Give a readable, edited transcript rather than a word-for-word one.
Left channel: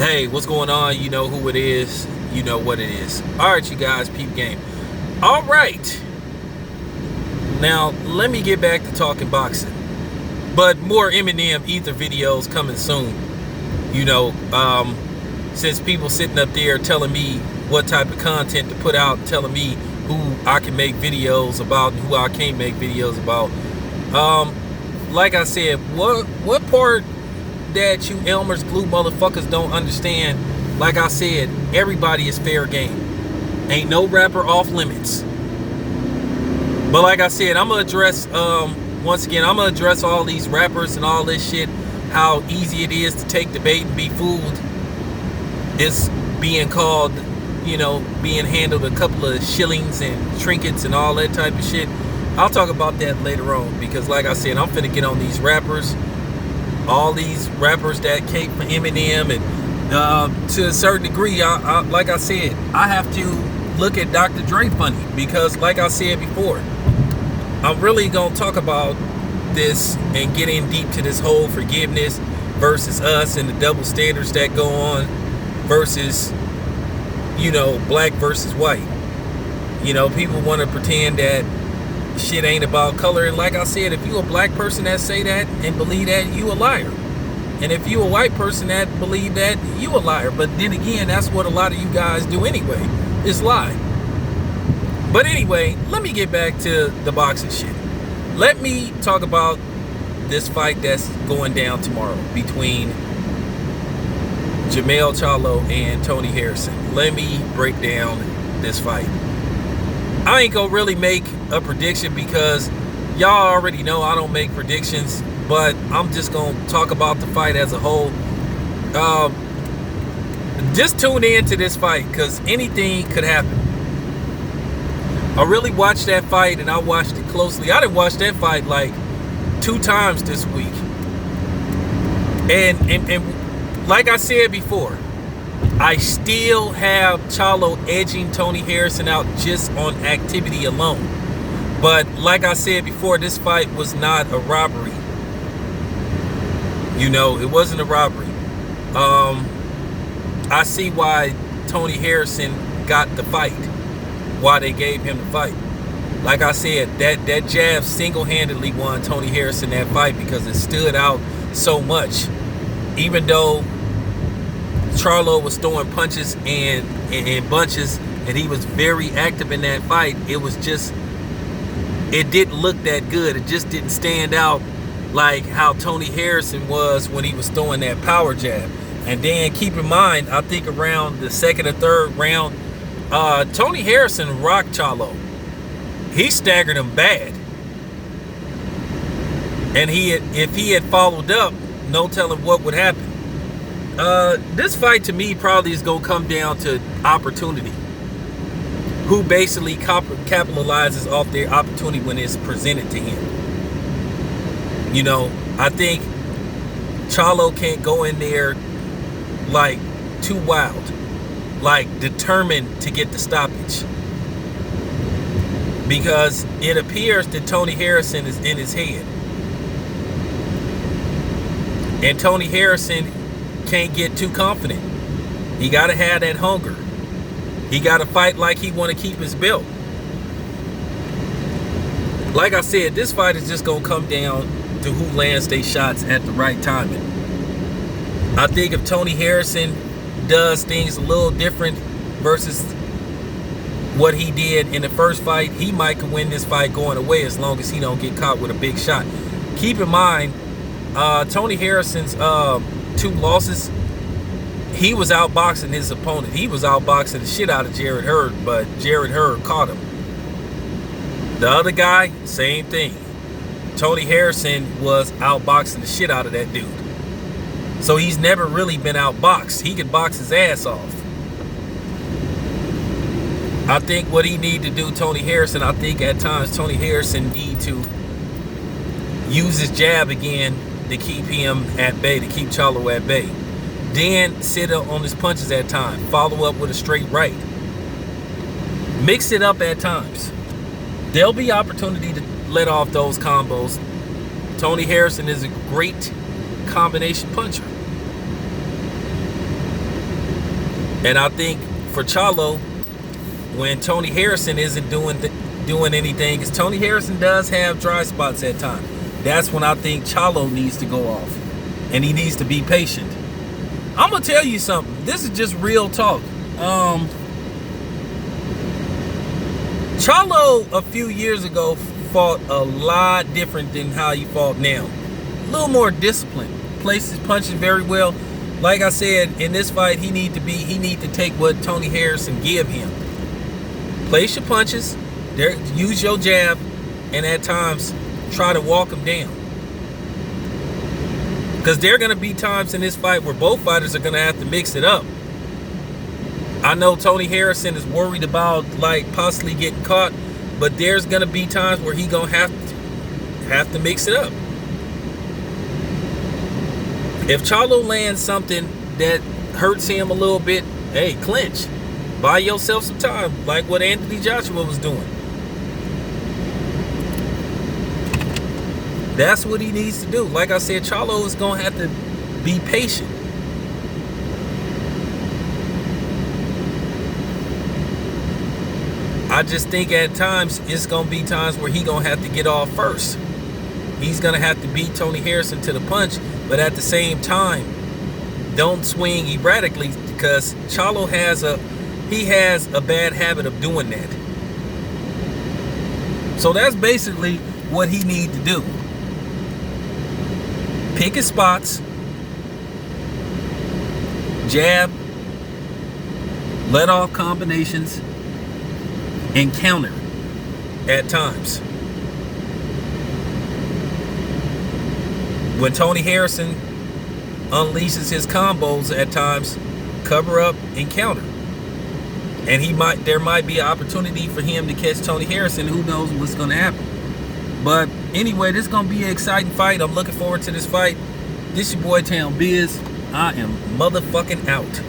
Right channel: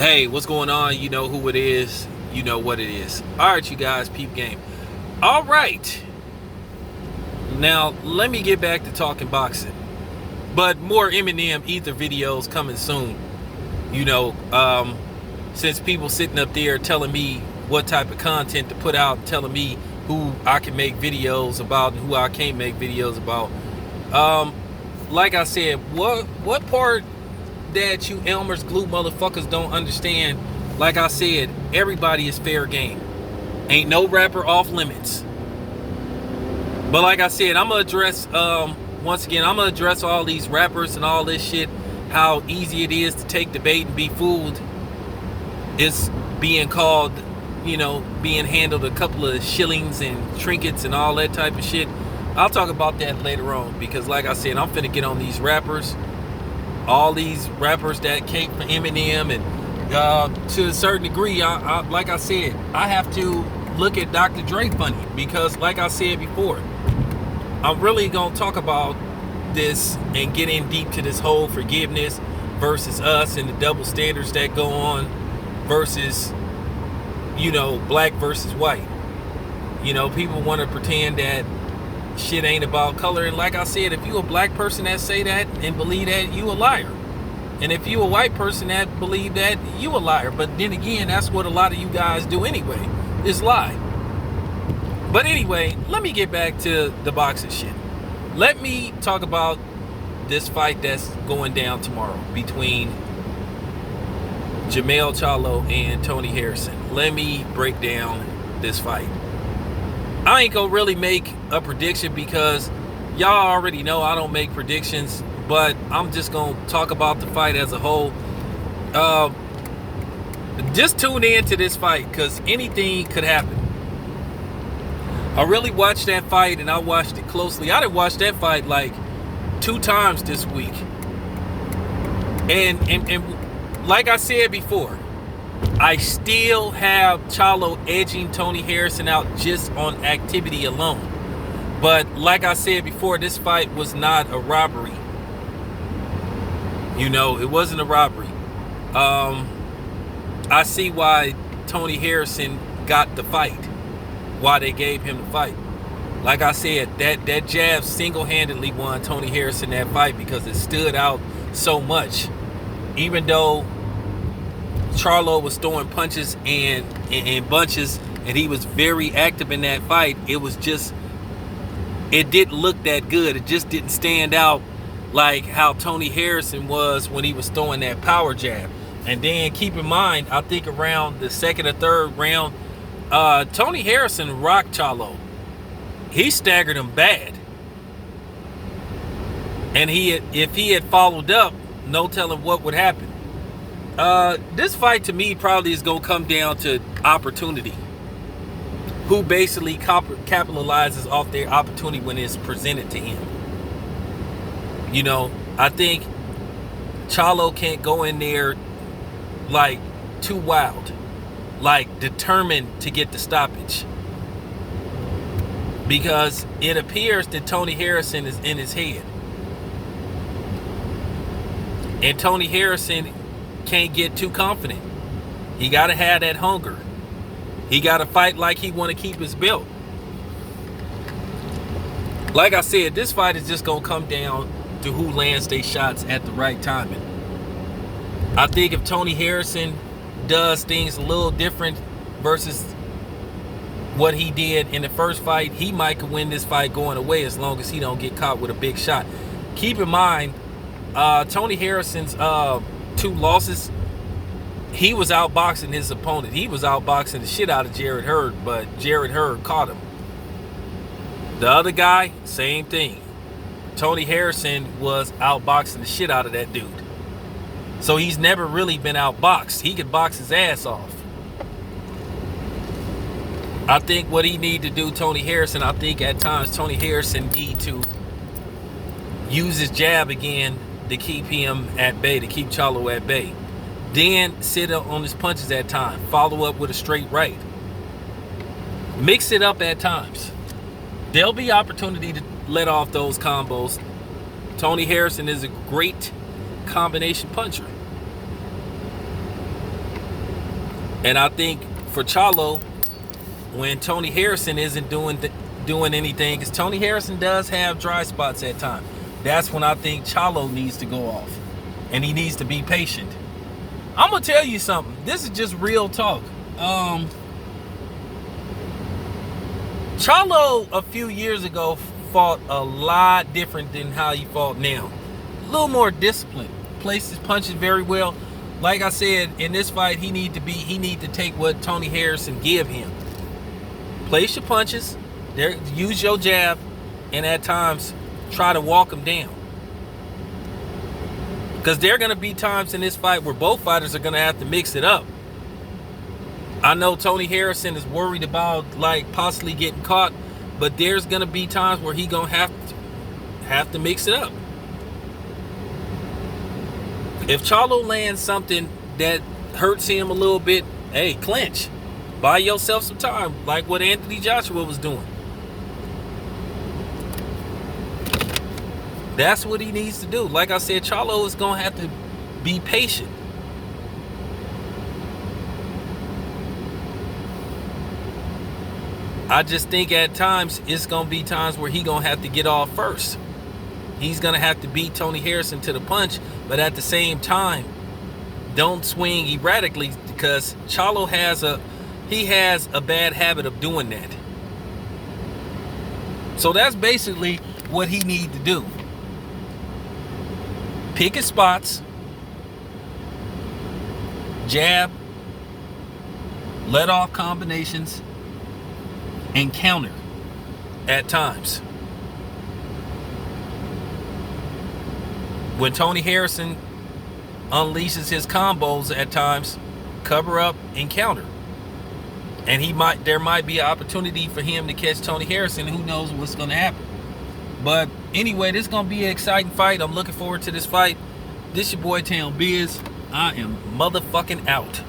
Hey, what's going on? You know who it is. You know what it is. All right, you guys, peep game. All right. Now, let me get back to talking boxing. But more Eminem Ether videos coming soon. You know, since people sitting up there telling me what type of content to put out, telling me who I can make videos about and who I can't make videos about. Like I said, what part that you Elmer's glue motherfuckers don't understand? Like I said, everybody is fair game. Ain't no rapper off limits. But like I said, I'm gonna address once again, I'm gonna address all these rappers and all this shit, how easy it is to take the bait and be fooled. It's being called, you know, being handled a couple of shillings and trinkets and all that type of shit. I'll talk about that later on, because like I said, I'm finna get on these rappers, all these rappers that came from Eminem, and to a certain degree, I like I said, I have to look at Dr. Dre funny, because like I said before, I'm really gonna talk about this and get in deep to this whole forgiveness versus us and the double standards that go on versus, you know, black versus white. You know, people want to pretend that shit ain't about color, and like I said, if you a black person that say that and believe that, you a liar. And if you a white person that believe that, you a liar. But then again, that's what a lot of you guys do anyway, is lie. But anyway, let me get back to the boxing shit. Let me talk about this fight that's going down tomorrow between Jermell Charlo and Tony Harrison. Let me break down this fight. I ain't gonna really make a prediction because y'all already know I don't make predictions, but I'm just gonna talk about the fight as a whole. Just tune in to this fight, because anything could happen. I really watched that fight, and I watched it closely. I done watched that fight like 2 times this week. And like I said before, I still have Charlo edging Tony Harrison out just on activity alone. But like I said before, this fight was not a robbery. You know, it wasn't a robbery. I see why Tony Harrison got the fight, why they gave him the fight. Like I said, that jab single-handedly won Tony Harrison that fight, because it stood out so much. Even though Charlo was throwing punches and bunches, and he was very active in that fight, it didn't look that good. It just didn't stand out like how Tony Harrison was when he was throwing that power jab. And then keep in mind, I think around the second or third round, Tony Harrison rocked Charlo. He staggered him bad. And if he had followed up, no telling what would happen. This fight to me probably is going to come down to opportunity. Who basically capitalizes off their opportunity when it's presented to him. You know, I think Charlo can't go in there like too wild, like determined to get the stoppage, because it appears that Tony Harrison is in his head, and Tony Harrison can't get too confident. He got to have that hunger. He got to fight like he want to keep his belt. Like I said, this fight is just going to come down to who lands their shots at the right timing. I think if Tony Harrison does things a little different versus what he did in the first fight, he might win this fight going away, as long as he don't get caught with a big shot. Keep in mind, Tony Harrison's 2 losses, he was outboxing his opponent. He was outboxing the shit out of Jarrett Hurd, but Jarrett Hurd caught him. The other guy, same thing. Tony Harrison was outboxing the shit out of that dude. So he's never really been outboxed. He could box his ass off. I think what he need to do, Tony Harrison, I think at times Tony Harrison need to use his jab again to keep him at bay, to keep Charlo at bay. Then sit up on his punches at times. Follow up with a straight right. Mix it up at times. There'll be opportunity to let off those combos. Tony Harrison is a great combination puncher. And I think for Charlo, when Tony Harrison isn't doing anything, because Tony Harrison does have dry spots at times, that's when I think Charlo needs to go off. And he needs to be patient. I'm going to tell you something. This is just real talk. Charlo a few years ago fought a lot different than how he fought now. A little more disciplined. Placed his punches very well. Like I said, in this fight, he need to take what Tony Harrison give him. Place your punches, use your jab, and at times try to walk him down. Because there are going to be times in this fight where both fighters are going to have to mix it up. I know Tony Harrison is worried about like possibly getting caught, but there's going to be times where he going to have to mix it up. If Charlo lands something that hurts him a little bit, hey, clinch. Buy yourself some time, like what Anthony Joshua was doing. That's what he needs to do. Like I said, Charlo is going to have to be patient. I just think at times it's going to be times where he's going to have to get off first. He's going to have to beat Tony Harrison to the punch, but at the same time, don't swing erratically, because Charlo has a bad habit of doing that. So that's basically what he needs to do. Pick his spots, jab, let off combinations, and counter at times. When Tony Harrison unleashes his combos at times, cover up and counter. And there might be an opportunity for him to catch Tony Harrison. Who knows what's going to happen. But anyway, this is going to be an exciting fight. I'm looking forward to this fight. This your boy Town Biz. I am motherfucking out.